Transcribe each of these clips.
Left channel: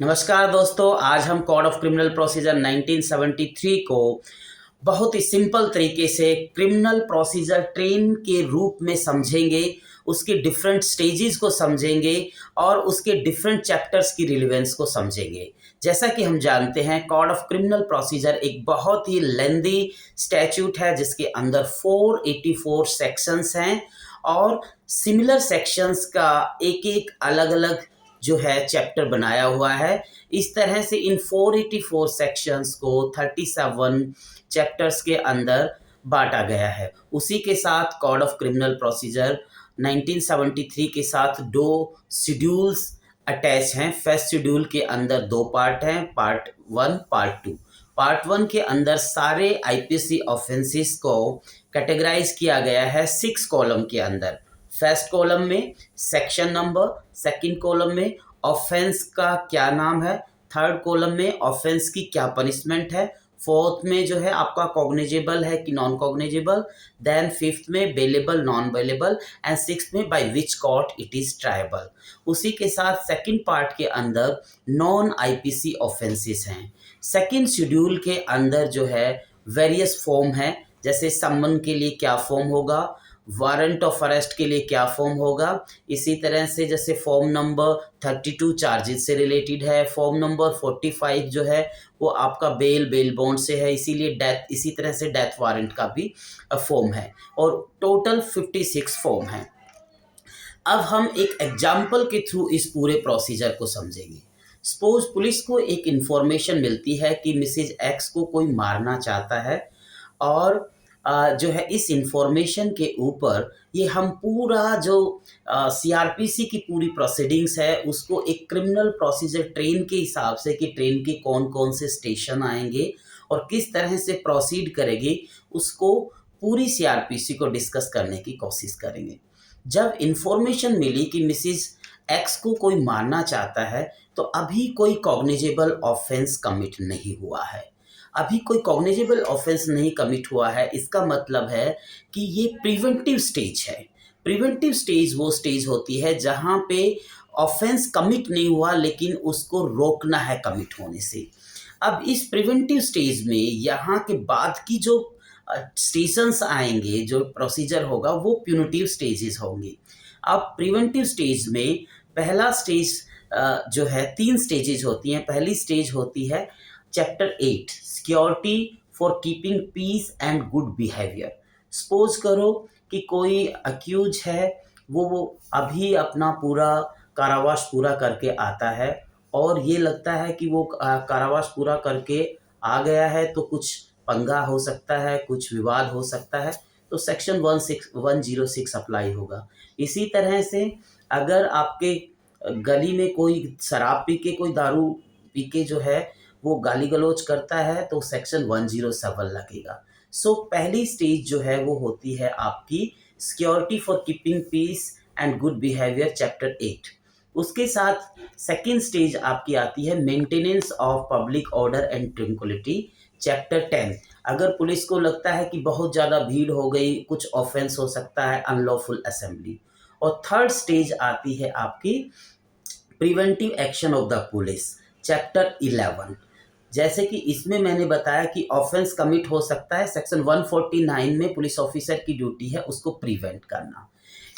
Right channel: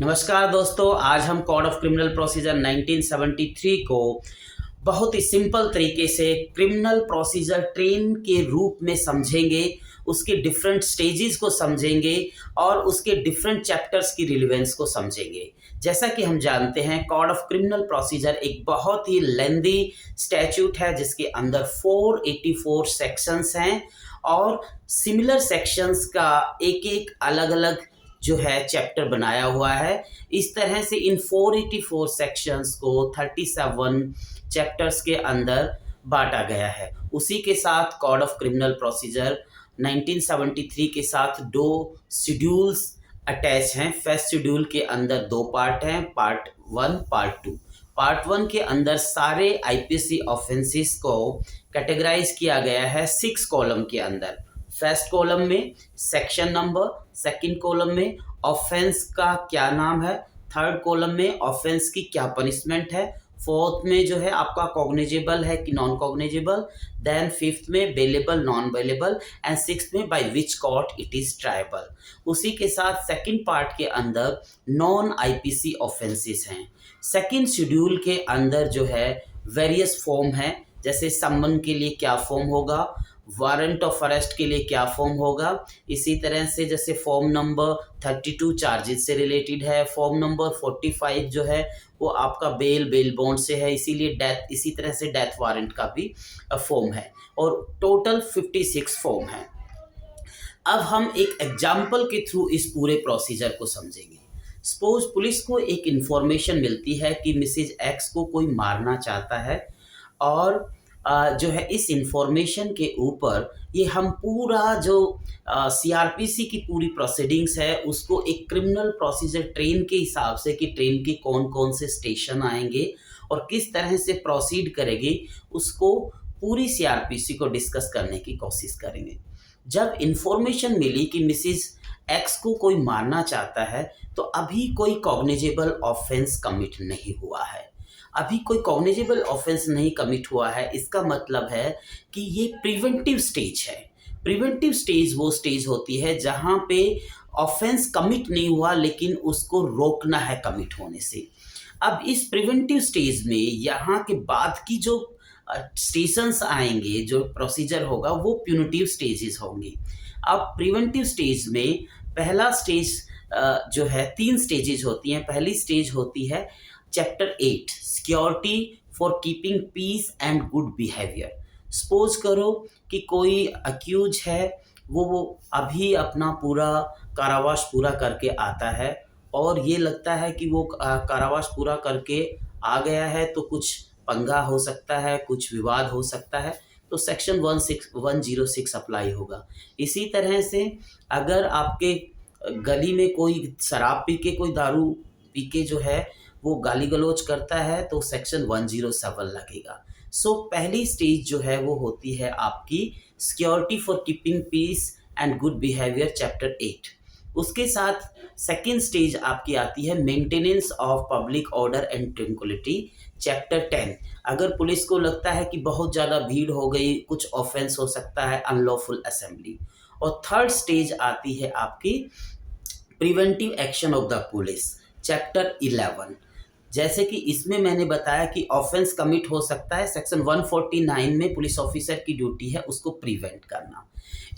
नमस्कार दोस्तों, आज हम कोड ऑफ क्रिमिनल प्रोसीजर 1973 को बहुत ही सिंपल तरीके से क्रिमिनल प्रोसीजर ट्रेन के रूप में समझेंगे, उसके डिफरेंट स्टेजेस को समझेंगे और उसके डिफरेंट चैप्टर्स की रिलेवेंस को समझेंगे। जैसा कि हम जानते हैं, कोड ऑफ क्रिमिनल प्रोसीजर एक बहुत ही लेंदी स्टैट्यूट है जिसके अंदर 484 सेक्शंस हैं और सिमिलर सेक्शंस का एक-एक अलग-अलग जो है चैप्टर बनाया हुआ है। इस तरह से इन 484 सेक्शंस को 37 चैप्टर्स के अंदर बाँटा गया है। उसी के साथ कोड ऑफ क्रिमिनल प्रोसीजर 1973 के साथ 2 शेड्यूल्स अटैच हैं। फर्स्ट शेड्यूल के अंदर 2 पार्ट हैं, पार्ट 1, पार्ट 2। पार्ट 1 के अंदर सारे आईपीसी ऑफेंसेस को कैटेगराइज़ किया गया है 6 कॉलम के अंदर। फर्स्ट कॉलम में सेक्शन नंबर, सेकंड कॉलम में ऑफेंस का क्या नाम है, थर्ड कॉलम में ऑफेंस की क्या पनिशमेंट है, फोर्थ में जो है आपका कॉग्निजेबल है कि नॉन कॉग्निजेबल, देन फिफ्थ में bailable non bailable and sixth में by which court it is triable. उसी के साथ सेकंड पार्ट के अंदर नॉन आईपीसी ऑफेंसेस हैं। सेकंड शेड्यूल के अंदर जो है वेरियस फॉर्म है, जैसे समन के लिए क्या फॉर्म होगा, वारंट ऑफ अरेस्ट के लिए क्या फॉर्म होगा। इसी तरह से जैसे फॉर्म नंबर 32 चार्जेस से रिलेटेड है, फॉर्म नंबर 45 जो है वो आपका बेल बॉन्ड से है, इसीलिए डेथ, इसी तरह से डेथ वारंट का भी फॉर्म है और टोटल 56 फॉर्म है। अब हम एक एग्जाम्पल के थ्रू इस पूरे प्रोसीजर को समझेंगे। सपोज पुलिस को एक इंफॉर्मेशन मिलती है कि मिसेज एक्स को कोई मारना चाहता है और जो है इस इंफॉर्मेशन के ऊपर ये हम पूरा जो सीआरपीसी की पूरी प्रोसीडिंग्स है उसको एक क्रिमिनल प्रोसीजर ट्रेन के हिसाब से कि ट्रेन के कौन-कौन से स्टेशन आएँगे और किस तरह से प्रोसीड करेगी, उसको पूरी सीआरपीसी को डिस्कस करने की कोशिश करेंगे। जब इंफॉर्मेशन मिली कि मिसेस एक्स को कोई मारना चाहता है, तो अभी कोई कॉग्निजेबल ऑफेंस कमिट नहीं हुआ है। अभी कोई कॉग्निजेबल ऑफेंस नहीं कमिट हुआ है, इसका मतलब है कि ये प्रिवेंटिव स्टेज है। प्रिवेंटिव स्टेज वो स्टेज होती है जहाँ पे ऑफेंस कमिट नहीं हुआ लेकिन उसको रोकना है कमिट होने से। अब इस प्रिवेंटिव स्टेज में यहाँ के बाद की जो स्टेशंस आएँगे, जो प्रोसीजर होगा वो प्यूनिटिव स्टेजेस होंगे। अब प्रिवेंटिव स्टेज में पहला स्टेज जो है 3 स्टेजेस होती हैं। पहली स्टेज होती है chapter 8 security for keeping peace and good behaviour. Suppose करो कि कोई अक्यूज है, वो अभी अपना पूरा कारावास पूरा करके आता है और ये लगता है कि वो कारावास पूरा करके आ गया है तो कुछ पंगा हो सकता है, कुछ विवाद हो सकता है, तो सेक्शन 106 अप्लाई होगा। इसी तरह से अगर आपके गली में कोई शराब पी के, कोई दारू पी के जो है वो गाली-गलौज करता है तो सेक्शन 107 लगेगा। सो पहली स्टेज जो है वो होती है आपकी security for keeping peace and good behaviour chapter 8। उसके साथ सेकंड स्टेज आपकी आती है maintenance of public order and tranquillity chapter 10। अगर पुलिस को लगता है कि बहुत ज़्यादा भीड़ हो गई, कुछ ऑफेंस हो सकता है अनलॉफुल असेंबली। और थर्ड स्टेज आती है आपकी preventive action of the police chapter 11। जैसे कि इसमें मैंने बताया कि ऑफेंस कमिट हो सकता है, सेक्शन 149 में पुलिस ऑफिसर की ड्यूटी है उसको प्रिवेंट करना।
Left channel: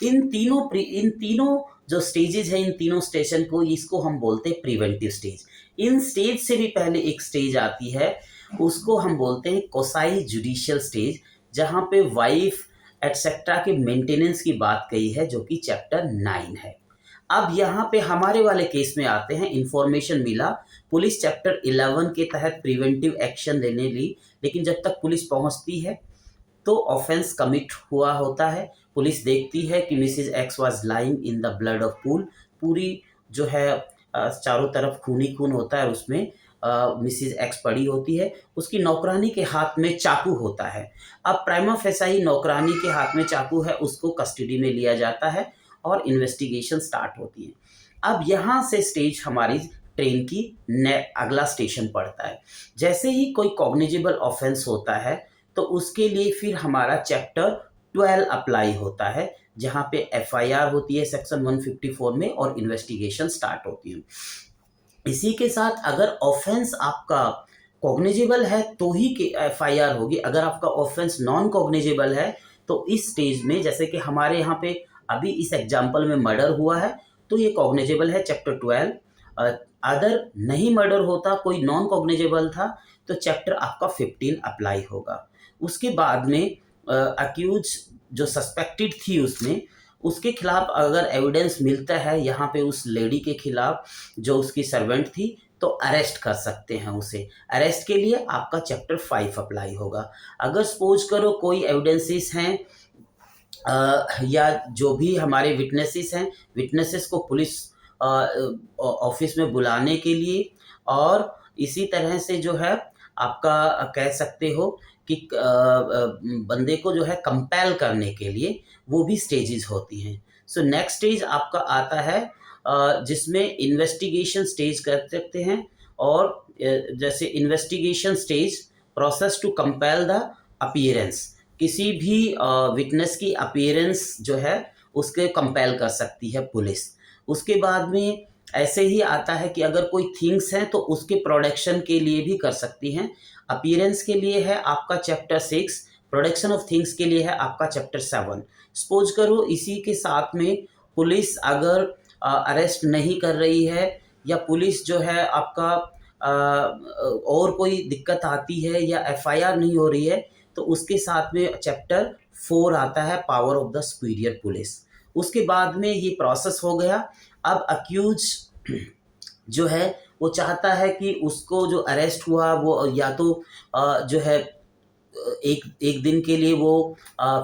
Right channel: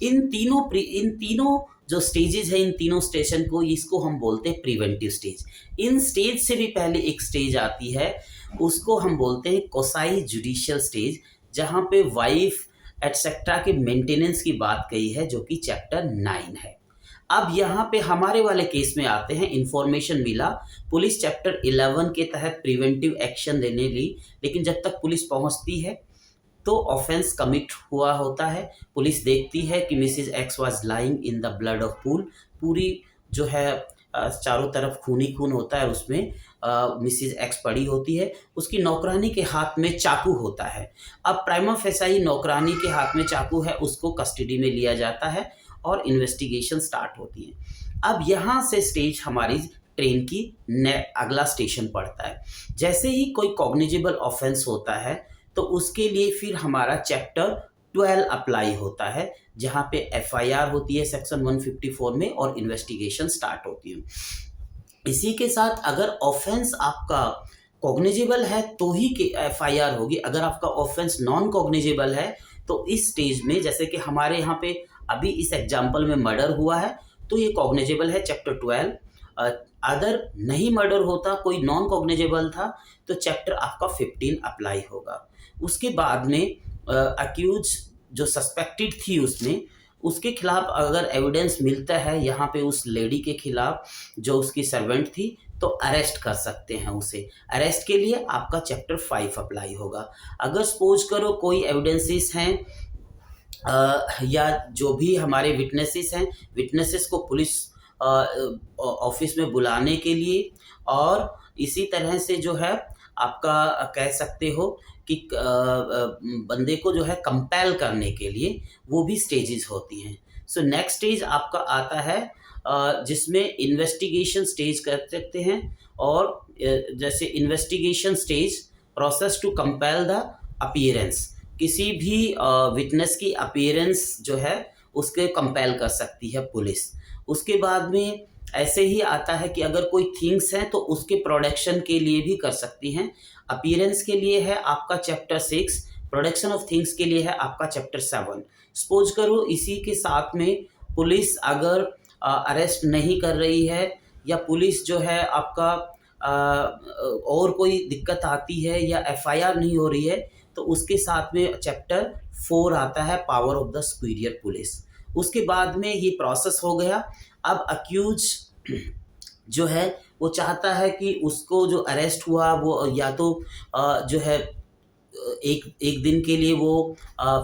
इन तीनों जो स्टेजेस हैं, इन तीनों स्टेशन को, इसको हम बोलते हैं प्रिवेंटिव स्टेज। इन स्टेज से भी पहले एक स्टेज आती है, उसको हम बोलते हैं कोसाई जुडिशियल स्टेज, जहाँ पे वाइफ एटसेट्रा के मेंटेनेंस की बात कही है, जो कि चैप्टर 9 है। अब यहाँ पे हमारे वाले केस में आते हैं, इंफॉर्मेशन मिला, पुलिस चैप्टर 11 के तहत प्रिवेंटिव एक्शन लेने ली, लेकिन जब तक पुलिस पहुँचती है तो ऑफेंस कमिट हुआ होता है। पुलिस देखती है कि Mrs X was lying in the blood of pool, पूरी जो है चारों तरफ खून ही खून होता है, उसमें मिसेज एक्स पड़ी होती है, उसकी नौकरानी के हाथ में चाकू होता है। अब प्राइमा फेसाई नौकरानी के हाथ में चाकू है, उसको कस्टडी में लिया जाता है और इन्वेस्टिगेशन स्टार्ट होती है। अब यहाँ से स्टेज हमारी ट्रेन की अगला स्टेशन पड़ता है। जैसे ही कोई कॉग्निजेबल ऑफेंस होता है तो उसके लिए फिर हमारा चैप्टर 12 अप्लाई होता है, जहाँ पे एफआईआर होती है सेक्शन 154 में और इन्वेस्टिगेशन स्टार्ट होती है। इसी के साथ अगर ऑफेंस आपका कॉग्निजेबल है तो ही के एफआईआर होगी। अगर आपका ऑफेंस नॉन कॉग्निजेबल है तो इस स्टेज में, जैसे कि हमारे यहाँ पे अभी इस एग्जाम्पल में मर्डर हुआ है तो ये कॉग्निजेबल है चैप्टर 12। अदर नहीं मर्डर होता, कोई नॉन कॉग्निजेबल था, तो चैप्टर आपका 15 अप्लाई होगा। उसके बाद में अक्यूज जो सस्पेक्टेड थी उसमें, उसके खिलाफ अगर एविडेंस मिलता है यहाँ पे उस लेडी के खिलाफ जो उसकी सर्वेंट थी, तो अरेस्ट कर सकते हैं उसे। अरेस्ट के लिए आपका चैप्टर 5 अप्लाई होगा। अगर सपोज करो कोई एविडेंसेस हैं या जो भी हमारे विटनेसेस हैं, विटनेसेस को पुलिस ऑफिस में बुलाने के लिए, और इसी तरह से जो है आपका कह सकते हो कि बंदे को जो है कंपेल करने के लिए वो भी स्टेजेस होती हैं। सो नेक्स्ट स्टेज आपका आता है जिसमें इन्वेस्टिगेशन स्टेज कर सकते हैं, और जैसे investigation stage, process to compel the appearance, किसी भी विटनेस की अपीयरेंस जो है उसके कंपेल कर सकती है पुलिस। उसके बाद में ऐसे ही आता है कि अगर कोई थिंग्स हैं तो उसके प्रोडक्शन के लिए भी कर सकती हैं। अपीयरेंस के लिए है आपका चैप्टर 6, प्रोडक्शन ऑफ थिंग्स के लिए है आपका चैप्टर 7। सपोज करो इसी के साथ में पुलिस अगर अरेस्ट नहीं कर रही है, या पुलिस जो है आपका और कोई दिक्कत आती है या एफआईआर नहीं हो रही है, तो उसके साथ में चैप्टर 4 आता है, power of the superior police. उसके बाद में ये प्रोसेस हो गया। अब अक्यूज जो है वो चाहता है कि उसको जो अरेस्ट हुआ वो या तो जो है एक एक दिन के लिए वो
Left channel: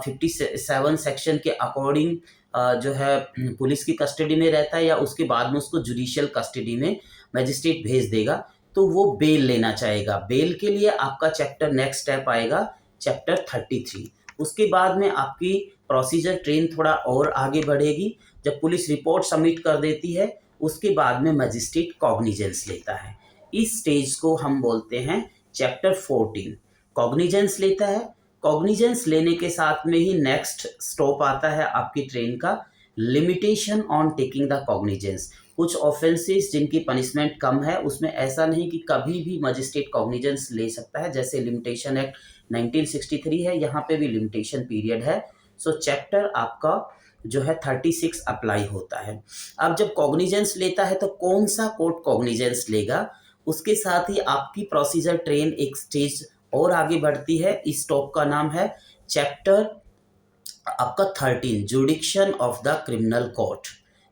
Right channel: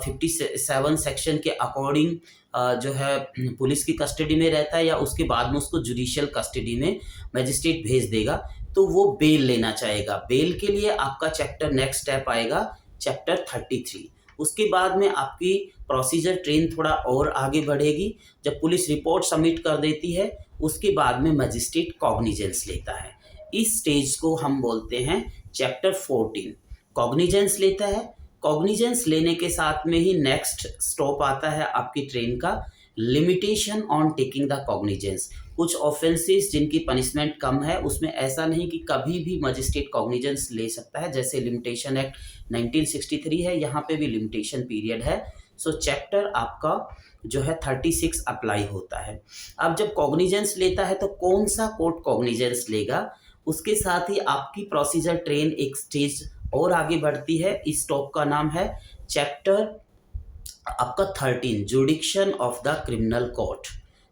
57 सेक्शन के अकॉर्डिंग जो है पुलिस की कस्टडी में रहता है, या उसके बाद में उसको जुडिशियल कस्टडी में मजिस्ट्रेट भेज देगा, तो वो बेल लेना चाहेगा। बेल के लिए आपका चैप्टर नेक्स्ट स्टेप आएगा चैप्टर 33। उसके बाद में आपकी प्रोसीजर ट्रेन थोड़ा और आगे बढ़ेगी। जब पुलिस रिपोर्ट सबमिट कर देती है उसके बाद में मजिस्ट्रेट कॉग्निजेंस लेता है। इस स्टेज को हम बोलते हैं चैप्टर 14। कॉग्निजेंस लेता है। कॉग्निजेंस लेने के साथ में ही नेक्स्ट स्टॉप आता है आपकी ट्रेन का, limitation on taking the cognizance. कुछ ऑफेंसेस जिनकी पनिशमेंट कम है उसमें ऐसा नहीं कि कभी भी मजिस्ट्रेट कॉग्निजेंस ले सकता है, जैसे लिमिटेशन एक्ट 1963 है, यहाँ पे भी लिमिटेशन पीरियड है। सो चैप्टर आपका जो है 36 अप्लाई होता है। अब जब कॉग्निजेंस लेता है तो कौन सा कोर्ट कॉग्निजेंस लेगा, उसके साथ ही आपकी प्रोसीजर ट्रेन एक स्टेज और आगे बढ़ती है। इस स्टॉप का नाम है चैप्टर आपका 13, जुडिक्शन ऑफ द क्रिमिनल कोर्ट।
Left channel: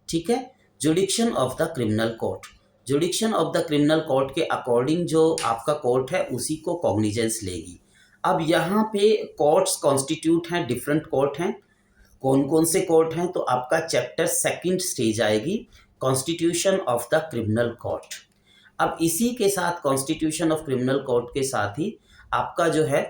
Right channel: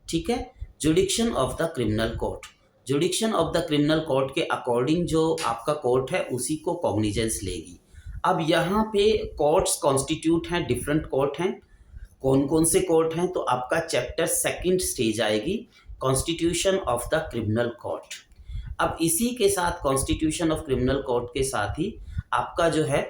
ठीक है, जुडिक्शन of the criminal court. जुडिक्शन of the criminal court के अकॉर्डिंग जो आपका कोर्ट है उसी को कॉग्निजेंस लेगी। अब यहाँ पे कोर्ट्स कॉन्स्टिट्यूट हैं, डिफरेंट कोर्ट हैं। कौन कौन से कोर्ट हैं, तो आपका चैप्टर 2 स्टेज आएगी, constitution of the criminal court. अब इसी के साथ कॉन्स्टिट्यूशन ऑफ क्रिमिनल कोर्ट के साथ ही आपका जो है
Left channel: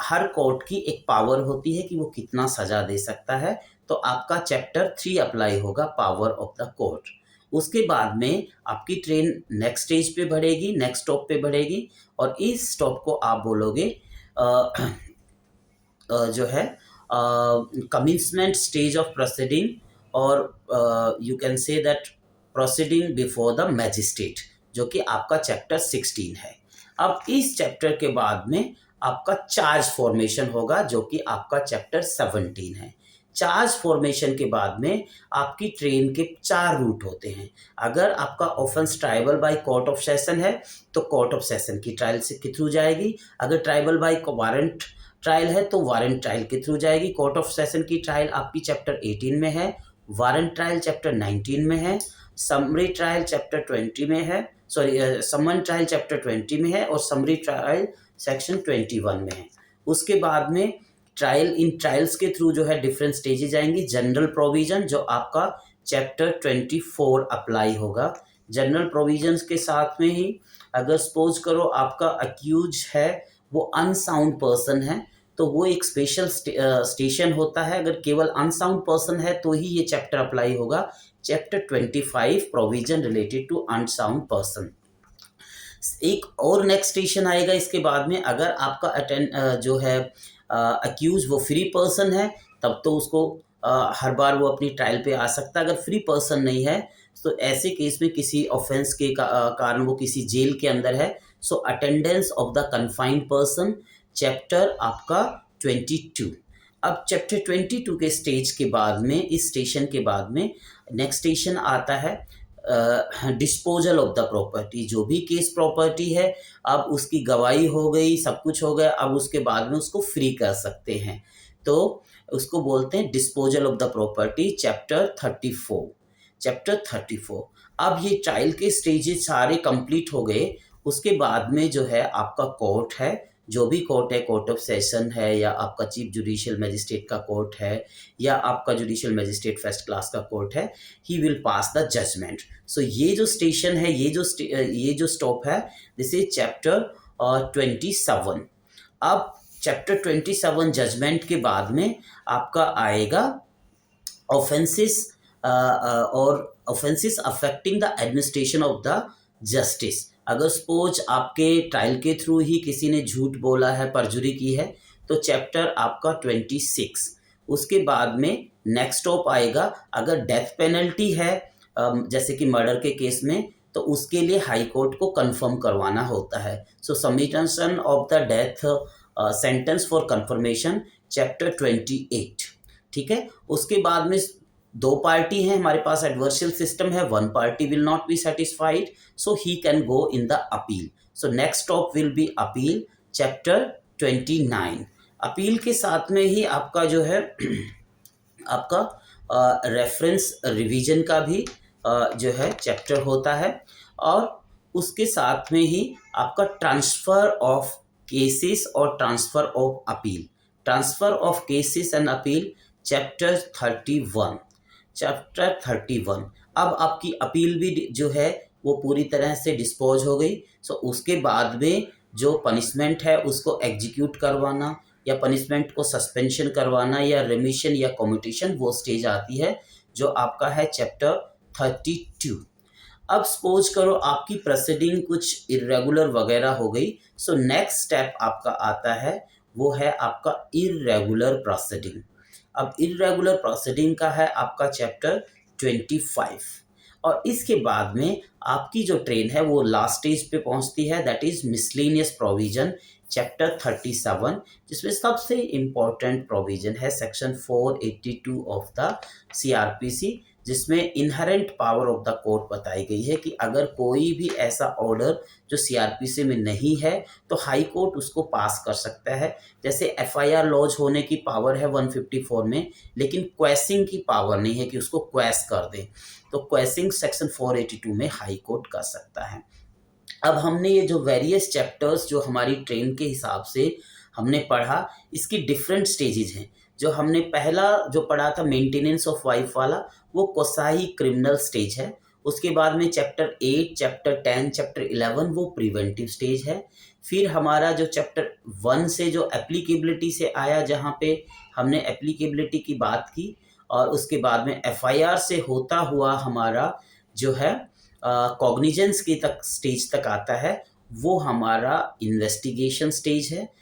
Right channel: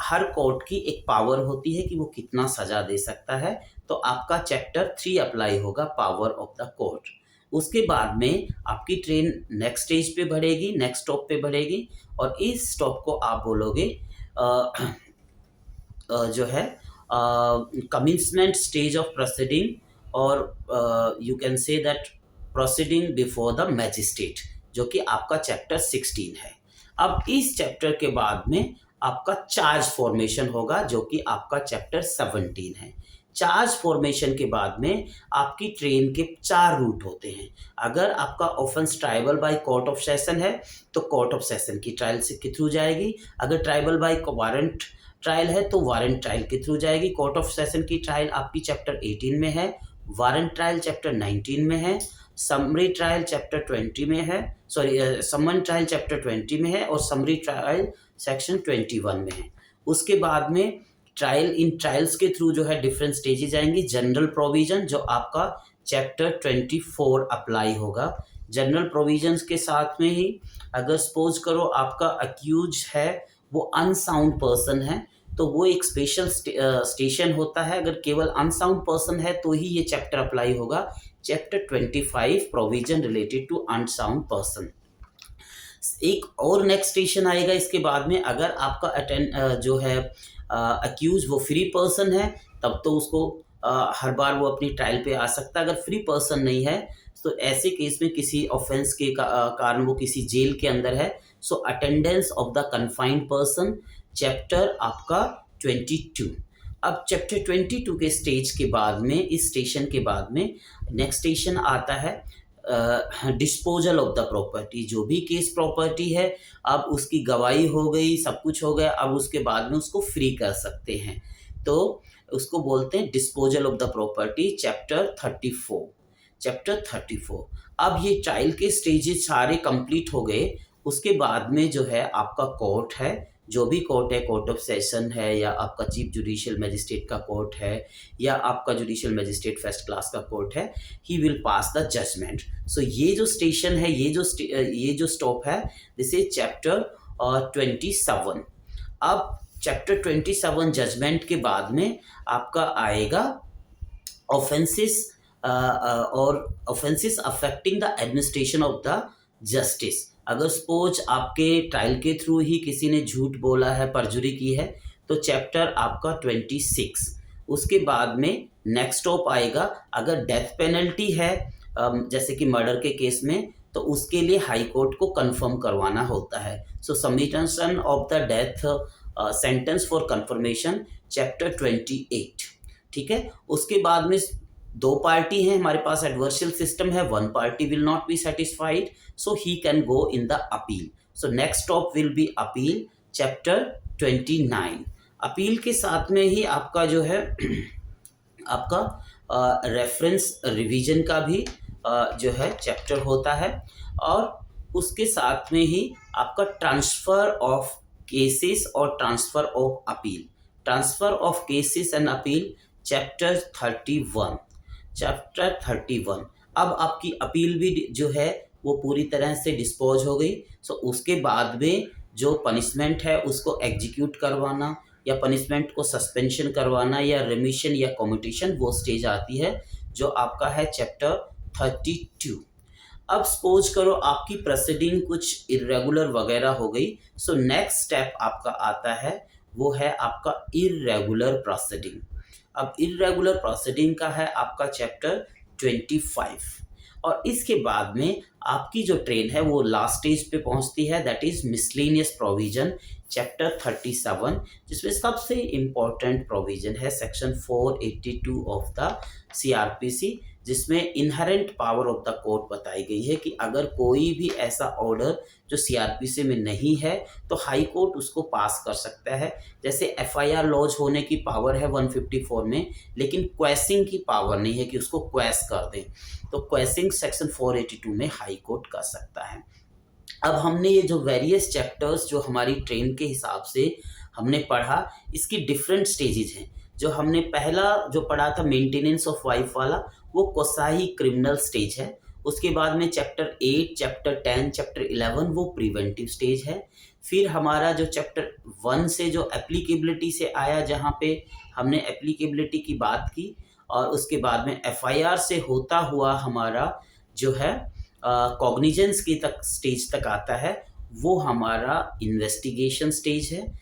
हर कोर्ट की एक पावर होती है कि वो कितना सजा दे सकता है, तो आपका चैप्टर 3 अप्लाई होगा, पावर ऑफ द कोर्ट। उसके बाद में आपकी ट्रेन नेक्स्ट स्टेज पे बढ़ेगी, नेक्स्ट स्टॉप पे बढ़ेगी, और इस स्टॉप को आप बोलोगे जो है कमिंसमेंट स्टेज ऑफ प्रोसीडिंग, और you can say that proceeding before the magistrate, जो कि आपका चैप्टर 16 है। अब इस चैप्टर के बाद में आपका चार्ज फॉर्मेशन होगा, जो कि आपका चैप्टर 17 है। चार्ज फॉर्मेशन के बाद में आपकी ट्रेन के 4 रूट होते हैं। अगर आपका offence tribal by court of session है तो कोर्ट ऑफ सेशन की ट्रायल से के थ्रू जाएगी। अगर ट्राइबल बाय वारंट ट्रायल है तो वारंट ट्रायल के थ्रू जाएगी। कोर्ट ऑफ सेशन की ट्रायल आपकी चैप्टर 18 में है, वारंट ट्रायल चैप्टर 19 में है, समरी ट्रायल चैप्टर 20 में है, सॉरी समन ट्रायल चैप्टर 20 में है, और समरी ट्रायल सेक्शन 21 में है। उसके बाद में ट्रायल, इन ट्रायल्स के थ्रू जो है डिफरेंट स्टेजेस आएंगी। जनरल प्रोविजन जो आपका चैप्टर 24 अप्लाई होगा। जनरल प्रोविजंस के साथ में ही अगर सपोज करो आपका अक्यूज है वो अनसाउंड पर्सन है, तो वो एक स्पेशल स्टेशन होता है। अगर केवल अनसाउंड पर्सन है तो ही ये चैप्टर अप्लाई होगा, chapter 25, provision related to unsound person. एक और नेक्स्ट स्टेशन आएगा इसके बाद में, अगर आपका अटेंड जो है अक्यूज वो फ्री पर्सन है, तब तो उसको हर बार वो अपनी ट्रायल पे आ सकता है। अगर फ्री पर्सन नहीं है तो ऐसे केस में किसी ऑफेंस के कारण वो किसी जेल के अंदर है, so attendance of the confined person, chapter आपका 22। अब चैप्टर 22 के स्टेज के बाद में, इस स्टेशन के बाद में नेक्स्ट स्टेशन आता है डिस्पोजल ऑफ द प्रॉपर्टी। जो भी केस प्रॉपर्टी है, अब उसकी गवाही हो गई, सब कुछ हो गया, अब उसके बाद में उसको फ्री कर सकते हैं, तो उसको बोलते हैं disposal of the property, chapter 34। Chapter 34। अब ये ट्रायल के स्टेजेस सारे कंप्लीट हो गए, उसके बाद में जो है आपका कोर्ट है, जो भी कोर्ट है, कोर्ट ऑफ सेशन है या आपका चीफ जुडिशियल मजिस्ट्रेट का कोर्ट है या आपका जुडिशियल मजिस्ट्रेट फर्स्ट क्लास का कोर्ट है, he will pass the judgment. So ये जो स्टेशन है, ये जो स्टॉप है, दिस इज चैप्टर 27। अब चैप्टर 27 जजमेंट के बाद में आपका आएगा ऑफेंसेस और offences affecting the administration of the justice. अगर सपोज आपके ट्रायल के थ्रू ही किसी ने झूठ बोला है, परजुरी की है, तो चैप्टर आपका 26। उसके बाद में नेक्स्ट स्टॉप आएगा, अगर डेथ पेनल्टी है जैसे कि मर्डर के केस में, तो उसके लिए हाई कोर्ट को कंफर्म करवाना होता है। So submission of the death sentence for confirmation, chapter 28। ठीक है। उसके बाद में दो पार्टी हैं हमारे पास, एडवर्शियल सिस्टम है, one party will not be satisfied, so he can go in the appeal. So next stop will be appeal, chapter 29। Appeal के साथ में ही आपका जो है आपका रेफरेंस रिवीजन का भी जो है चैप्टर होता है, और उसके साथ में ही आपका ट्रांसफर ऑफ केसेस और transfer of appeal, transfer of cases and appeal, chapter 31। Chapter 31। अब आपकी अपील भी जो है वो पूरी तरह से डिस्पोज हो गई। सो उसके बाद में जो पनिशमेंट है उसको एग्जीक्यूट करवाना या पनिशमेंट को सस्पेंशन करवाना या रिमिशन या कम्यूटेशन, वो स्टेज आती है जो आपका है चैप्टर 32। अब सपोज करो आपकी प्रोसीडिंग कुछ इरेगुलर वगैरह हो गई, सो नेक्स्ट स्टेप आपका आता है, वो है आपका इरेगुलर प्रोसीडिंग। अब इरेगुलर प्रोसीडिंग का है आपका चैप्टर 25, और इसके बाद में आपकी जो ट्रेन है वो लास्ट स्टेज पे पहुंचती है, that is miscellaneous provision, chapter 37, जिसमें सबसे इम्पोर्टेंट प्रोविजन है सेक्शन 482 ऑफ द सीआरपीसी, जिसमें inherent power of the court बताई गई है कि अगर कोई भी ऐसा ऑर्डर जो सीआरपीसी में नहीं है तो हाई कोर्ट उसको पास कर सकता है। जैसे एफआईआर लॉन्च होने की पावर है 154 में, लेकिन क्वेसिंग की पावर नहीं है कि उसको क्वेस कर दे, तो क्वेसिंग सेक्शन 482 में हाई कोर्ट कर सकता है। अब हमने ये जो वेरियस चैप्टर्स जो हमारी ट्रेन के हिसाब से हमने पढ़ा, इसकी डिफरेंट स्टेजेस हैं। जो हमने पहला जो पढ़ा था मेंटेनेंस ऑफ वाइफ वाला, वो कोसाही क्रिमिनल स्टेज है। उसके बाद में चैप्टर 8, चैप्टर 10, चैप्टर 11 वो प्रिवेंटिव स्टेज है। फिर हमारा जो चैप्टर 1 से जो एप्लीकेबिलिटी से आया, जहाँ पे हमने एप्लीकेबिलिटी की बात की, और उसके बाद में एफआईआर से होता हुआ हमारा जो है कॉग्निजेंस की तक स्टेज तक आता है, वो हमारा इन्वेस्टिगेशन स्टेज है।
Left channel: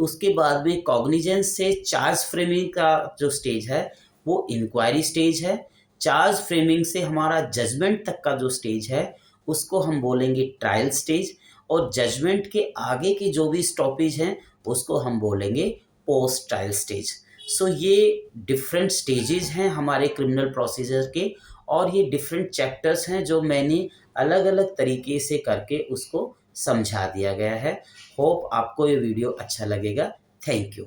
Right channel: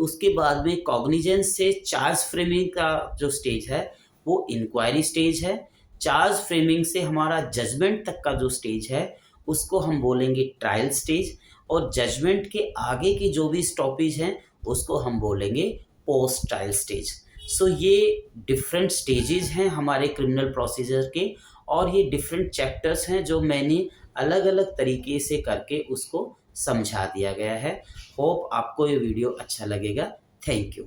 उसके बाद में कॉग्निजेंस से चार्ज फ्रेमिंग का जो स्टेज है वो इंक्वायरी स्टेज है। चार्ज फ्रेमिंग से हमारा जजमेंट तक का जो स्टेज है उसको हम बोलेंगे ट्रायल स्टेज, और जजमेंट के आगे की जो भी स्टॉपेज हैं उसको हम बोलेंगे पोस्ट ट्रायल स्टेज। सो ये डिफरेंट स्टेजेस हैं हमारे क्रिमिनल प्रोसीजर के, और ये डिफरेंट चैप्टर्स हैं जो मैंने अलग अलग तरीके से करके उसको समझा दिया गया है। होप आपको ये वीडियो अच्छा लगेगा। Thank you.